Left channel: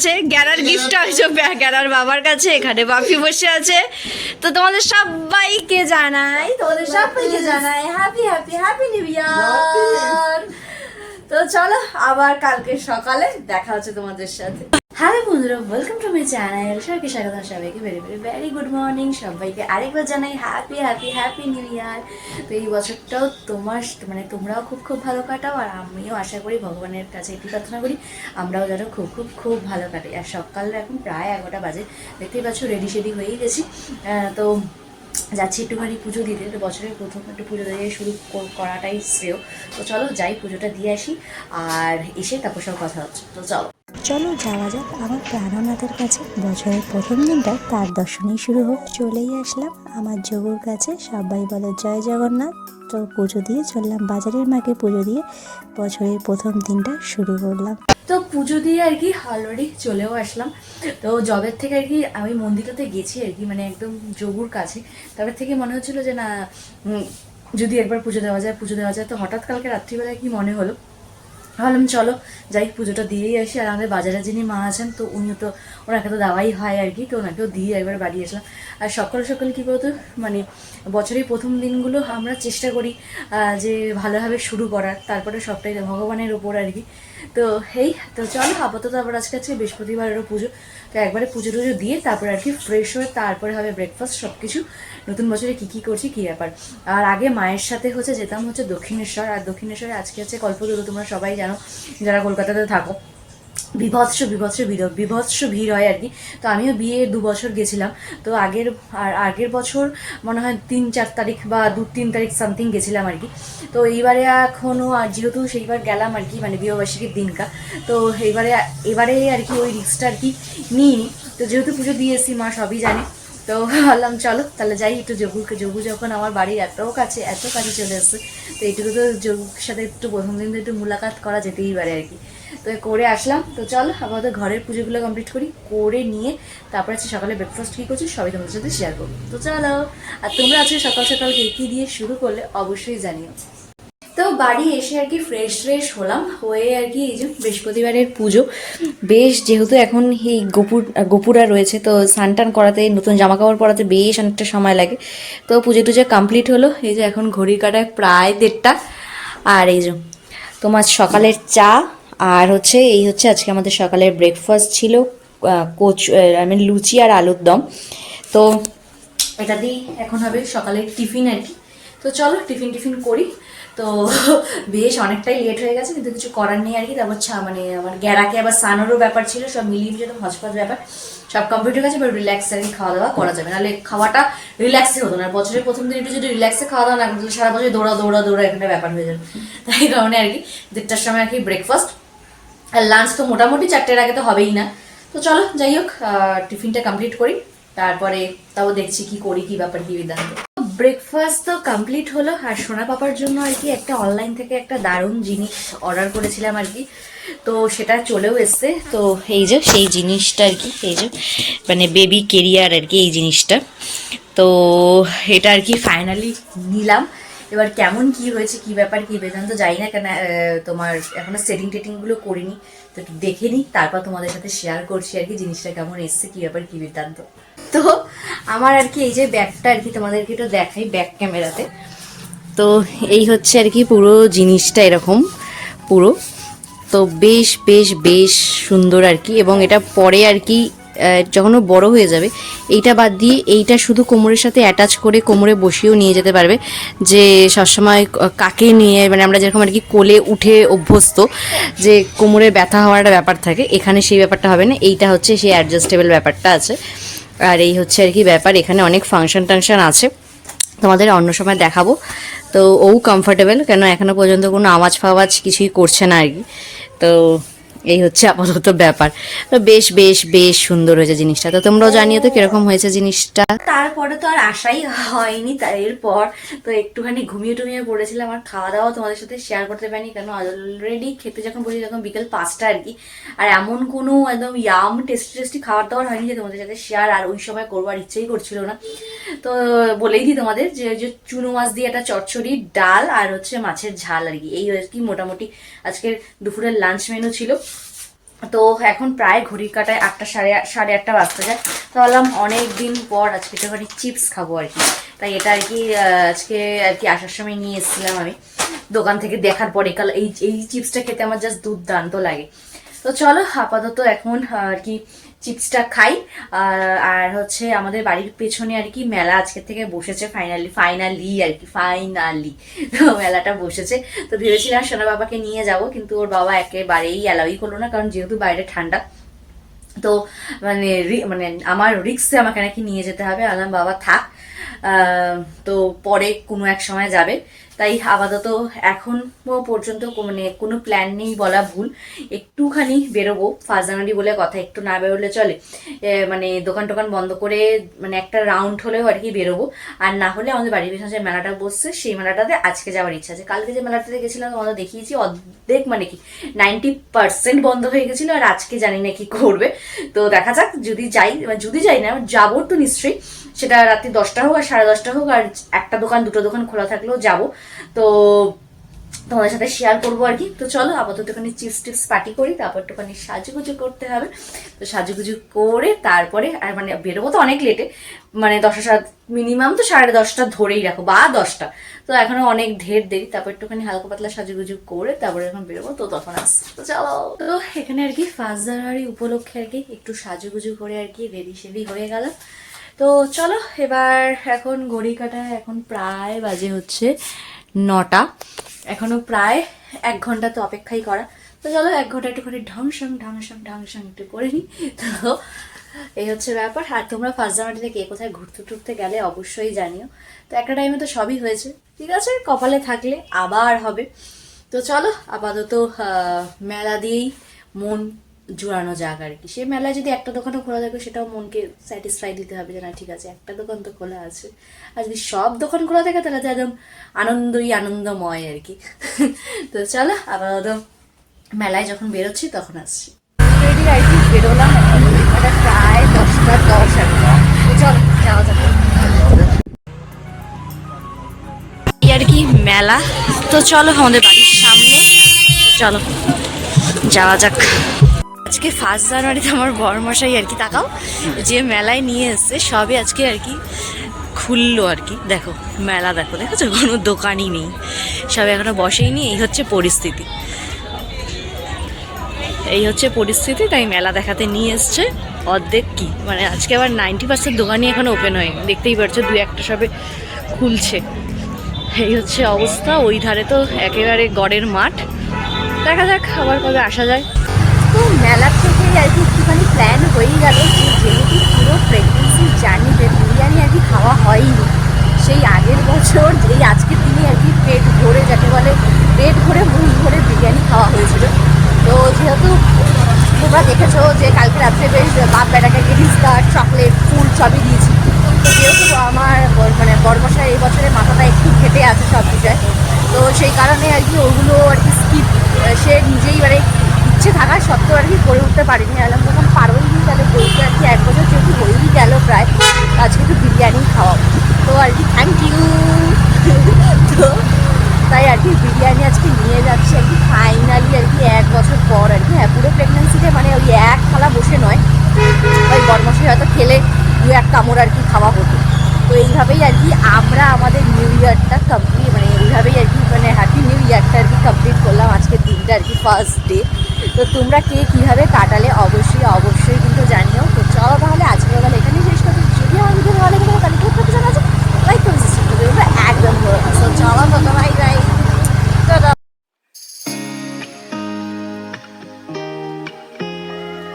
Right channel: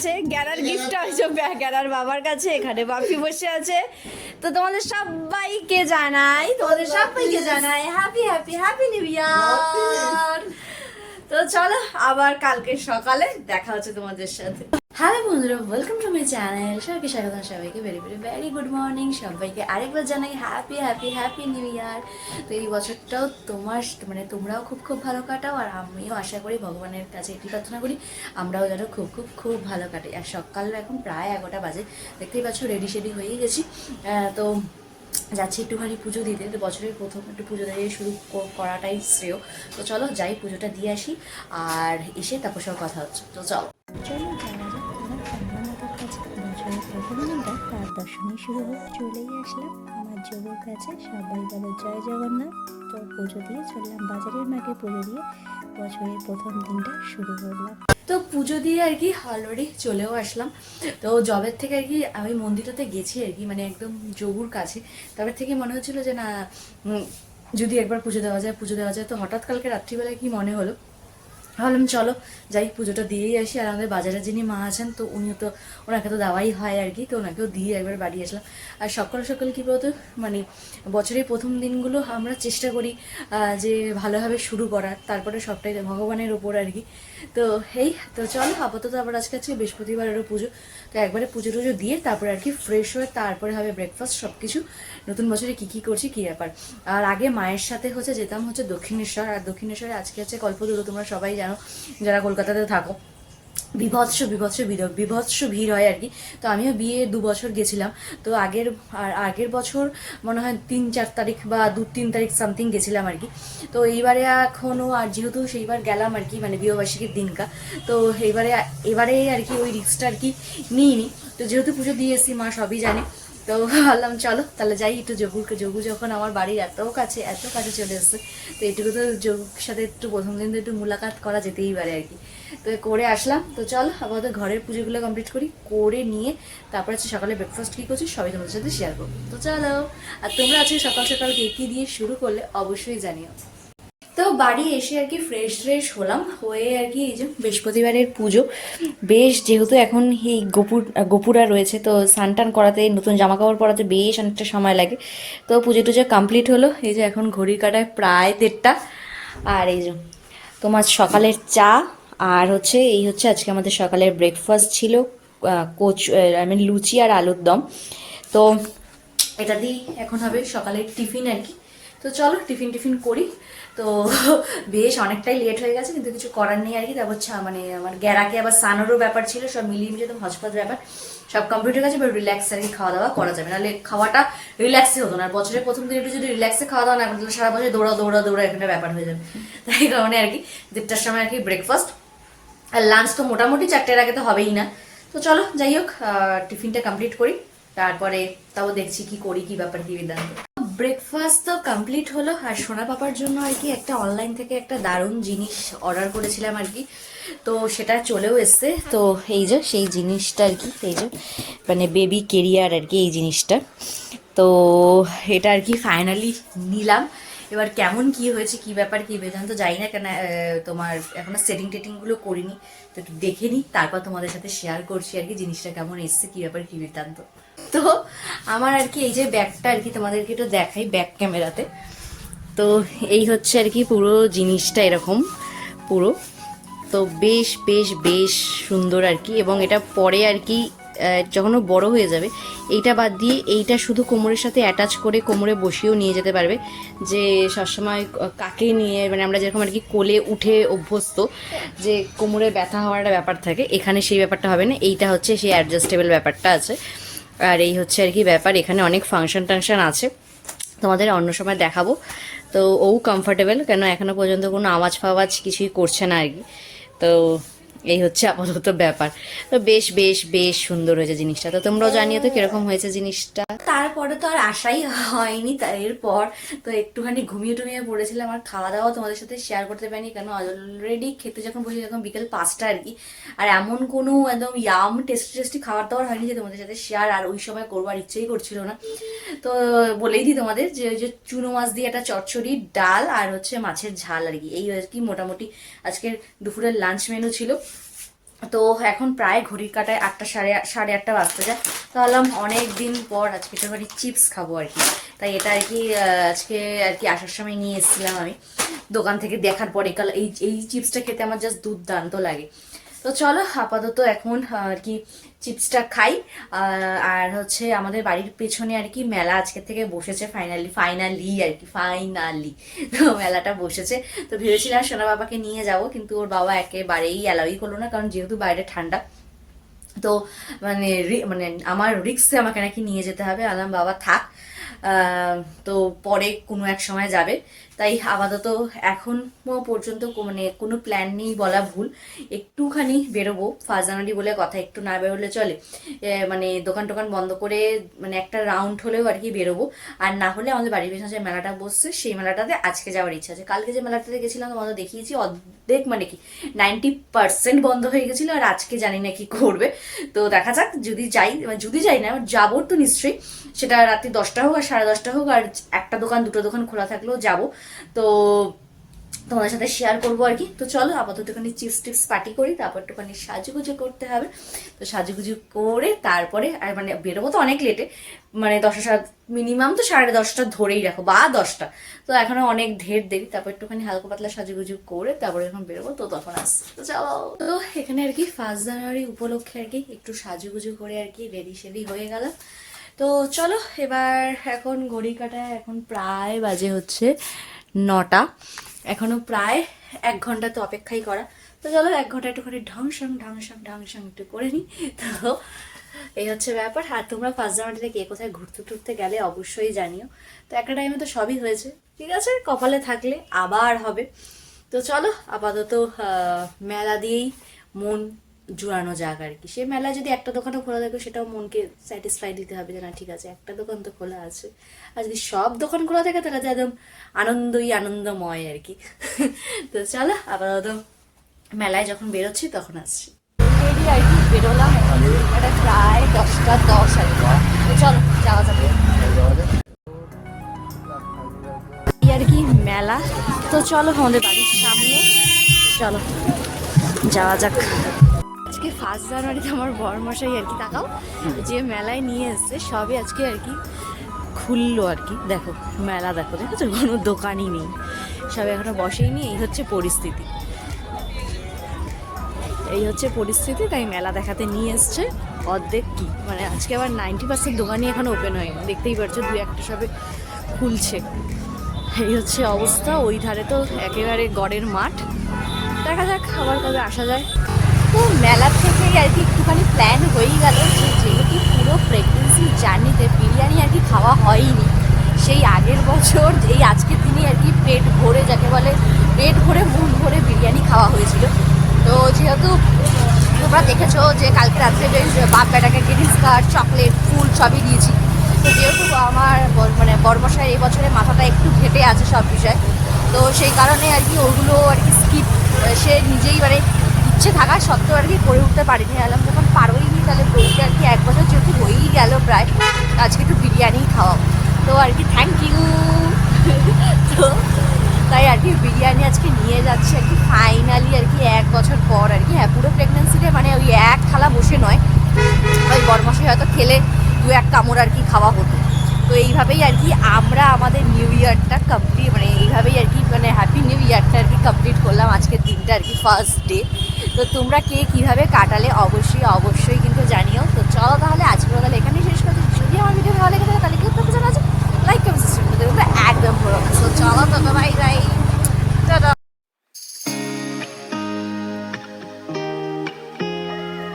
আছে, গ্যারার গিফট আছে গ্যারার বাবার কাছে, এখানে বাপি বসে আছে। তো তোমাদের সবাইকে জানাই happy happy happy new year. তো চলো আবার কালকে সকালে দেখা হচ্ছে তোমাদের সাথে। হ্যালো বন্ধুরা, ওয়েলকাম টু মাই চ্যানেল। সবাইকে স্বাগত, সবাইকে very very very good morning. সবাইকে আরেকবার জানাই happy happy happy new year. তো এই বছরটাও তোমরাও খুব খুব ভালো কাটাও, আর আমিও আশা করি ভগবানের কাছে একটু প্রার্থনা করি আমরাও যেন খুব খুব খুব ভালো কাটি। আর সকাল এখন প্রায় 11টা বাজে, দেখতেই পাচ্ছ রেডি শেডি হয়েই গেছি। তো যাচ্ছি একটুখানি পুজো দিতে। তো বছরের প্রথম একটু পুজো দিয়ে শুরু করাটাই শ্রেয়। তো চলো যাই, পুজোটা দিয়ে আসি, আর এসে তারপর সব কথা হচ্ছে। তো চলো যাওয়া যাক আমার প্রাণনাথের কাছে। বছরের প্রথম দিনটা তার দর্শনেই শুরু হোক। চলেই আসলাম আমার যোগুর কাছে। সবাই বলে জয় জগন্নাথ। তো পুজো দিয়ে চললাম বাজারের মাকে, পুজো দিয়ে বছরের প্রথম দিনটা শুরু করলাম। তো পুজো দিয়ে আর কি অলরেডি চলেও আসলাম। তো জবের থেকে আর কি আমি মন্দিরটাতে গেছি আর কি, মানে একদম যোগুর কাছে। তবে থেকে মনে হচ্ছিল যে না, যদি একবার পুজো দেওয়া যায়। তো হঠাৎ কালকে রাত্রিবেলায় কি মনে হলো, ভাবলাম চলো যাই পুজোটা দিয়েই আসি। আর আমাদের বাজারে যিনি মা আছেন, তো উনিও তো, ওনাকে তো দেওয়াই হয় আর কি, তো ওনাকেও দিয়ে একবার বাড়ি আসলাম। আর সকাল সকাল কী বলতো, মানে বছরের প্রথম দিনগুলো আমরা চেষ্টা করি যে ভালোভাবে শুরু করার, তারপরে সবটাই ভগবানের ওপর আর কি। তো তো চলো আপাতত আবার আজকে বৃহস্পতিবারেরও পুজো। তো একবারে পুজো টুজো দিয়ে তারপরে আর কি ফ্রেশ হয়ে তারপরে হবে ব্রেকফাস্ট, সব কিছু নতুন বছরে কী কী করছি কী ব্যাপার। আর আগে মায়ের সাথে যেতাম দক্ষিণেশ্বর। আর দক্ষিণেশ্বরে আজকে হচ্ছে কল্পতরু, তোমরা সবাই জানো যারা কলকাতাতে থাকো। বিভৎস ভিড় হয় আর কি। তো আমিও বিয়ে 2 বছর গেছিলাম। তো আগের বছর মনে হয় 3-4 তারিখ বা 2-3 তারিখ সামথিং গেছিলাম আর কি। তো এইবারে এখনও, আর যেহেতু সেইবার গেলাম আর কি, মানে বিবাহবার্ষিকীর দিনকা, তো এবারে আর কি ওই রিস্কটা আর কি নিইনি। তো যেহেতু পুজো দিয়ে এসেছি, মা সবই জানি। তো ভাবলাম চলো তাহলে যাই একটু যোগু যখন আমার বাড়ির এত কাছে চলে এসছে, তো এইটুকু তো যোগুর সাথে একটু প্রথম দিন একটু মুলাকাত করা যেতেই পারে আর কি। তো করে আসলাম। তো চলো আমাদের ঘরের পুজোগুলো কমপ্লিট করে নিয়ে তারপরে হচ্ছে সকালে ব্রেকফাস্ট কী করছি সবই তোমাদের সাথে শেয়ার করবো। তো চলো, আর তোমরা আজকে সকাল সকাল কী দিয়ে শুরু করলে অবশ্যই জানিও। তো বাড়ি এসে আর কি ফ্রেশ হলাম, হয়ে আর কি এই যে বৃহস্পতিবারের পুজো, বেশ যেহেতু এখন এই গোপুরা রয়েছে, তো স্নান টান করাতে, নতুন জামা কাপড় পরাতে বেশ অনেকটা সময় লাগে। তো পুজো টুজো কমপ্লিট হলো। এই যে এখন ঘড়ির কাটায় প্রায় 1:30। আর এই যে তোমার সকালের চা, আর এই হচ্ছে আজকে আমাদের সকালের ব্রেকফাস্ট ছিল লুচি আর আলুর দম। তো এটা দিয়ে এখন হবে সকালের টিফিন আর কি। তো চলো টিফিন করি। তো বেশ অনেকটাই লেট হয়ে গেছে, কিন্তু কিছু করার নেই আর কি। তারপর মানে আমার গ্যারাকে আবার স্নানেরও ব্যাপার ছিল, সব মিলিয়ে মিশে হজপজ ব্যাপার, সব কমপ্লিট হয়ে গেছে। এবার রিল্যাক্স আর কি খাওয়া দাওয়া করা যাবে, নাহলে খাওয়াটা রিল্যাক্সে হতো না। বছরের প্রথম দিন একটু যদি রিল্যাক্সে খাওয়া দাওয়া না করতো, সারা বছর দৌড়া এখানে ব্যাপার হয়ে যাবে। তাই কারণে আর কি 1:30টার সময় আর কি ব্রেকফাস্ট, আর লাঞ্চ তো মোটামুটি 4টার আগে তো হবেই না। তো চলো যাই হোক টিফিনটা কমপ্লিট করি, তারপরে তাও দেখছি কি করি, কি ব্যাপার কি বিধান্ত। ব্রেকফাস্ট তো কমপ্লিট হলো। আর সোনা পাপার জন্য আর কি একটা অনলাইন থেকে একটা দারুণ জিনিস অর্ডার করেছিলাম আর কি, তো সেটা চলেও এসছে। তো এই যে সেই জিনিসটা আর কি, এই যে মানে বেবি কেরিয়ার আর কি, এই জিনিসটা। তো এটা আর কি ফাইনালি নিলাম। এবার কেমন কি হয়েছে, কি ব্যাপার কি বেদান্ত যাই না কেন, তোমার এখনো টেটিংগুলো করিনি, তো একটু দেখে নিই, তারপর তোমাদের সাথে শেয়ার করছি আর কি জিনিসটা কেমন এসছে, কি ব্যাপার কি বেদান্ত। তো আমার আর কি এই যে ব্যাগটা আর কি তোমাদেরকে একটু দেখাই ব্যাক ক্যামেরাতে। তো এই হচ্ছে আর কি পুরো জিনিসটা এরকম পুরো। তো বেশ সুন্দর আর কি। এবং এটা পরে আর কি যখন ও বড় হয়ে যাবে, এইটা বাদ দিয়ে এইটা শুধু কোমরের সাথে অ্যাটাচ করে কোমরে বসিয়েও নিয়ে যেতে পারবে। যে সবসময় কাকে নিয়ে, মানে আমরা যেরকম আর কি কোলে উঠে অভ্যস্ত, যে কোমরে ব্যথা হওয়ার একটা ব্যাপার থাকে, এখানে সেই ব্যাপারটা হবে না। এইটা হচ্ছে সেই অ্যাডজাস্টেবল ব্যাপারটা আছে। আর এই হচ্ছে আর কি ব্যাপার, এখানে অনেক ফাংশন আছে, তোমাদের অন্য সময় দেখাবো। তো ও কমফোর্টেবল, কেন এখনো পর্যন্ত কোনো আওয়াজ ফাওয়াজ কিছুই করছে না আর কি। তো এই হচ্ছে আপাতত ব্যাপার। তো বেশ সুন্দর হয়েছে জিনিসটা। তো তোমরাও জানিও তো কিরকম হয়েছে জিনিসটা। তারপরে তো আর আশাই হয়নি তার এরপর। তো একটুখানি ঘুমিয়ে পড়েছিলাম, আর খাওয়া দাওয়া তোমাদের সাথে শেয়ার করতে পারিনি, কেন অলরেডি খেতে যখন বসি তখন বিকেল 5টা আর কি। আর এমন কোনো একদম টেস্টি খাবার দাবার হয়নি যে তোমাদের সাথে শেয়ার, আর ওই সময় করবার ইচ্ছেই করছিল না। তো বলেই দিই তোমাদের যে চুনো মাছ দিয়ে একটা চচ্চড়ি, ডাল, আর হচ্ছে মাছের ঝাল আর কি, এই আর কি মোটামুটি আজকের দুপুরের লাঞ্চ মেনু ছিল। তো এখন প্রায় ঘড়ির কাটায় 8টা সাড়ে 8টা বাজতে যায়। তো ভাবলাম অনেক দিন পর আজকে একটুখানি চিপস খাবো আর কি। তাই এটা আর কি আজকে আর কি আসার সময় নিয়ে এসেছিলাম আমি দোকান থেকে, দেখার পরে কাল এই চিপসটা খেতে আমার জাস্ট দুর্দান্ত লাগে। তো চলো আপাতত এখন আর কি চিপসটা খাই। আর হচ্ছে আমাদের বাড়ির পেছনে আর কি মেলা আজকে থেকে বসেছে, ফাইনালি তো মেলাটা বসেছে। তো ভেবেছিলাম সোনা বাবাকে নিয়ে যাব, কিন্তু ওর বাবা একেবারেই অ্যালাউই করলো না, কারণ যেহেতু বাইরে ঠান্ডা। তো মানে আমার রিক্সে আমাকে নাকি নিয়ে যেতে হবে। আলাম বাবা থাক, তো পরে কোনো এক সময় যাবে। তাই আপাতত এখন পর্যন্ত মানে কোনো প্ল্যান নেই বলা ভুল। একটুখানি বেরোবো 1 জানুয়ারি বলে কথা, একটু না বেরোলে চলে। মানে দোকান টোকান বন্ধ করে মানে একটা রাউন্ড হলেও আর কি বেরোবো। আর না হলে আমাদের বাড়ির পেছনে যে মেলাটা বসছে সেই মেলাটাতে আজকে যাওয়ার ইচ্ছা আছে। কালকে যে মেলাটাতে গেছিলাম তোমাদের দেখিয়েছি, অর্ধেক মানে কি 90% বন্ধ হয়ে গেছিলো। আর আজকে জানি না কি করবে, তো দেখা যাক। যদি যাই না যাবো তো নিশ্চয়ই, সেটা রাত্রি 10টা হোক আর 10:30 হোক, আর একটা দোকান দুটো দোকান খোলা থাকলেও যাবো। তো তোমাদের সাথে শেয়ার করবো আর কি। তো চলো আপাতত একটুখানি চিপস টিপস পার্টি করি, তারপর একটুখানি সাজুগুজু করতে হবে। তো সাজুগুজু করে তারপরে আর মানে বেরোবো তো অনেক লেটে, মানে 10টা মিনিমাম তো 10:30 ধরেই রাখো বা 10টা। তো এখনো অনেক ঢের দেরি, তারপর একটুখানি হালকা পাতলা সাজুগুজু করে তারপরে এখন বেরোবো। তো তখন তো চলো। তো এখানে আর কি 1 জানুয়ারি উপলক্ষে আর কি একটু সাজুগুজু করে আর কি রেডি সেডি হয়ে গেল। তো চলো এবার এখন ঘড়ি কাটায় এখন প্রায় বাজে হচ্ছে 9টা। এখনো প্রায় 1 ঘন্টা তো অপেক্ষাই করা। তো চলো 1 ঘন্টা একটুখানি ঢং একটু করে নিই। তো এই হচ্ছে ব্যাপার। আর তোমরা 1 জানুয়ারি থেকে কোথায় ঘুরতে টুরতে গেলে অবশ্যই জানিও। তো একটা টাইমে তো সবই হয়েছে, ঠিক আছে, কপালে থাকলে আবার হবে। তো চলো আপাতত মেলা দিয়েই মন জোড়ানো যাক আর কি। সেই মেলায় যদি একটা দোকানও খোলা থাকে সেটাও মনকে স্যাটিসফাই দিতে হবে যে না ঠিক আছে একটা দোকান তো খোলা আছে। আর যদি সব দোকান খোলা থাকে তাহলে তো একদম আনন্দময় আর কি। তো চলো আপাতত মেলায় যখন বেরোচ্ছি তখন আসছি। রেডি আর কি বেরোলাম, এখন প্রায় 10:10 একটা। চলো যাওয়া যাবে আর কি মেলা। তো চলো আমাদের বাড়ির সামনে, চলো যাওয়া যাক। আজকে 1 জানুয়ারিতে আমার বড়মশাই আর কি তাকাও যে মেলায় নিয়ে এসছে সবই আজকে আর কি খুললো আর কি। দেখো মেলা দেখো, দেখেছো কোনো দোকানই নেই, সব এখনো বসেই নি। এই হচ্ছে পরিস্থিতি, তাই মেলা দেখাতে নিয়ে এসছে অর্ধেক কি মানে আজকে আবার 90% দোকানই এখন ওপেন হয়ে, দেখতেই পারছো 2-1টা সবে খুলছে। এই হচ্ছে অবস্থা। ওই ধারে তো একেবারে গড়ের মাঠ, দেখা যাক আবার কবে আসা যায়। তো মেলার থেকেই আর কি একটুখানি প্ল্যান হয়েই গেল যে যেহেতু পুরো প্রেগনেন্সি জার্নিতে বিরিয়ানি আর কি খাওয়া হয়নি, সেই আগের বছর যেই আজকের দিনে আর কি পেট ভরে, যাকে বলে পেট ভরে মন ভরে বিরিয়ানি খাওয়া হয়েছিল। তো যেহেতু তোমরা দেখেছো যে কালকে রাত্রে বেশ বাপ বেটাকে গ্রিটিংস কার্ড, চকলেট, ফুল সবই দিয়েছি। তো যেহেতু আমার মানে বড়মশাই এই বছরে মাথাটা একটু ফেটে আছে সব বিষয়, তো সেই কারণে আর কি ওগুলো আর কি স্কিপ সে নিজেই মানে ইচ্ছে থাকা সত্ত্বেও আর কি করে উঠতে পারিনি। আলাম যখন পারোই নি তাহলে বলতে আর কি 1 বছর যেহেতু হয়েই গেল প্রায়, তো আজকে একটু বিরিয়ানি খাওয়াবো। তো আর কি থ্যাংক ইউ। তো তাই আর কি বিরিয়ানি আজকে নিয়ে যাচ্ছি আর কি ফাইনালি আর কি 1 বছর পর আর কি। হ্যাঁ পুরো প্রেগনেন্সিতে মানে ওই 1 থালা বসে নয়, ওই বদমাসে হয়তো খেলে 2-1 কামড় আর কি খাওয়া হতো। তো এইভাবেই আর কি আমরা আমাদের নিউ ইয়ারটা কমপ্লিট, মানে এইভাবেই আর কি মানে হ্যাপি নিউ ইয়ারটা আর কি কমপ্লিট করলাম আজকের দিনটা আর কি ফার্স্ট ডে। তো তোমরা কে কীভাবে